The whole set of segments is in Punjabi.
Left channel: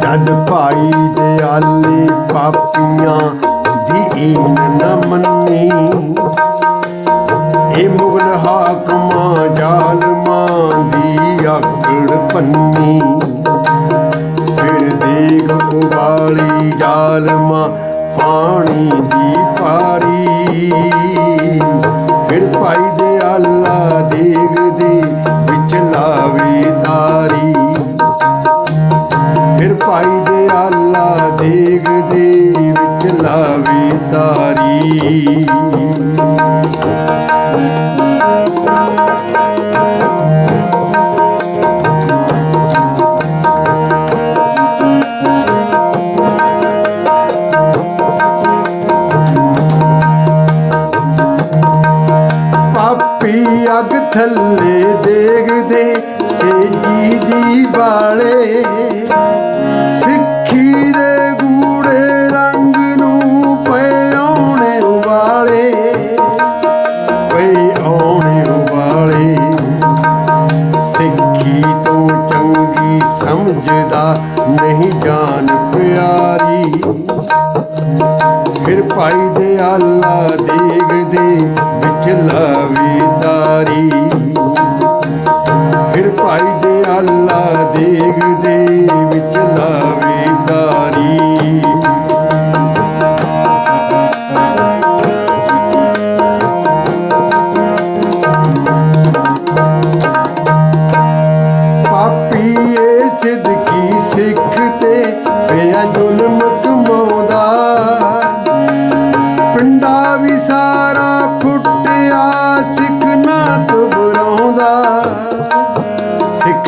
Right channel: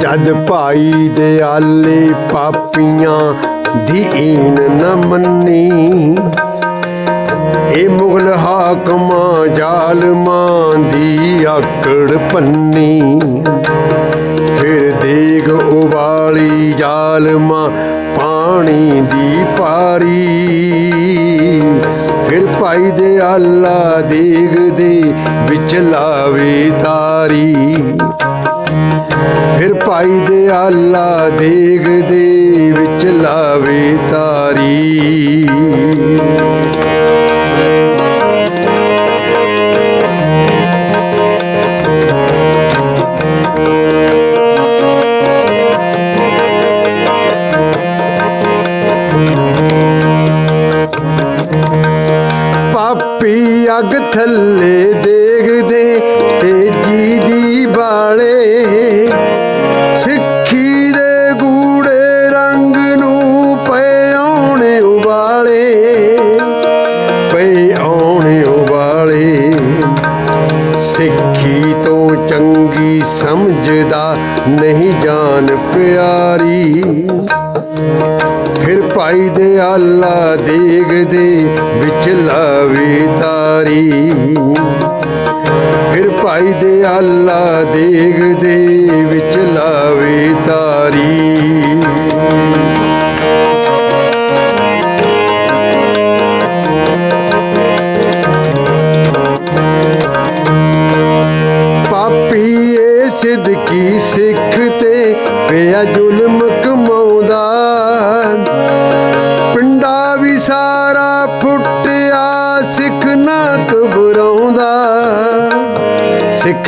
ਜਦ ਭਾਈ ਦੇ ਆਲੇ ਪਾਪੀਆਂ ਦੀ ਈਨ ਨ ਮੰਨੀ, ਇਹ ਮੁਗਲ ਹਾਕਮਾਂ ਜ਼ਾਲਮਾਂ ਦੀ ਆਕੜ ਪੰਨੀ। ਫਿਰ ਦੇਗ ਉਬਾਲੀ ਜ਼ਾਲਮਾਂ ਪਾਣੀ ਦੀ Yeah.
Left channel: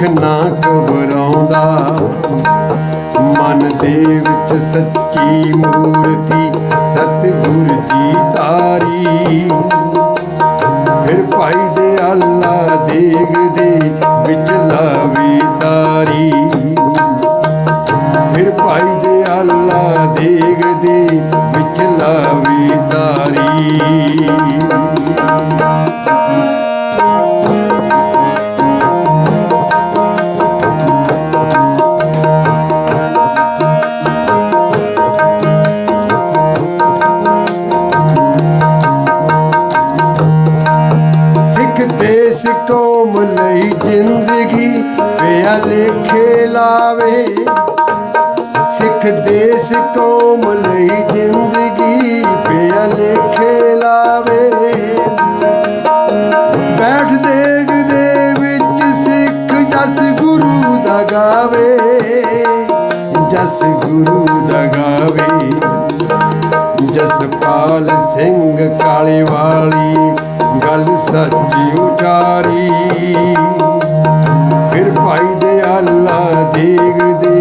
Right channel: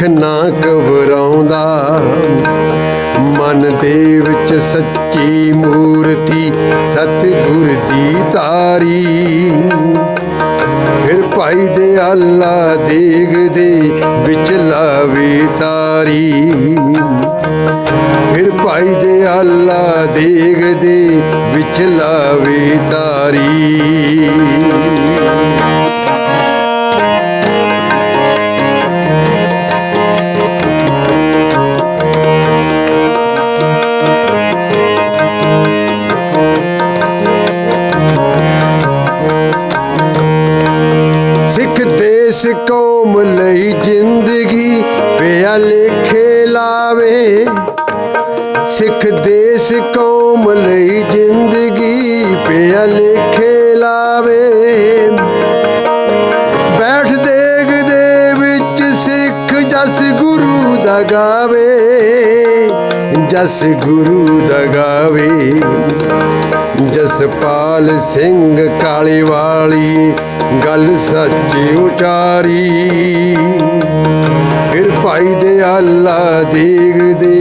ਸਿੱਖ ਨਾ ਘਬਰਾਉਂਦਾ ਮਨ ਦੇ ਵਿੱਚ ਸੱਚੀ ਮੂਰਤੀ ਸਤਿਗੁਰ ਦੀ ਜਸ ਗੁਰੂ ਦਾ ਜਸਪਾਲ ਸਿੰਘ ਕਾਲੀ ਵਾਲੀ ਗੱਲ ਸੱਚੀ ਉਚਾਰੀ। ਫਿਰ ਭਾਈ ਦੇ ਆਲਾ ਦੇਖਦੇ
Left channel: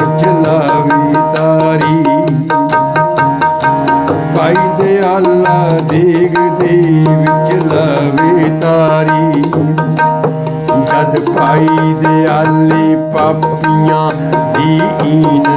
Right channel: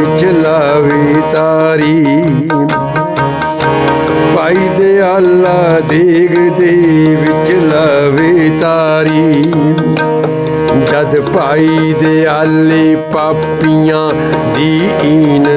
ਵਿੱਚ ਲਾਵੇ ਤਾਰੀ। ਭਾਈ ਦੇ ਆਲਾ ਦੇਖਦੇ ਵਿੱਚ ਲਾਵੇ ਤਾਰੀ। ਜਦ ਭਾਈ ਦੇ ਆਲੇ ਪਾਪੀਆਂ ਦੀ ਈਨ ਨਾ ਮੰਨੀ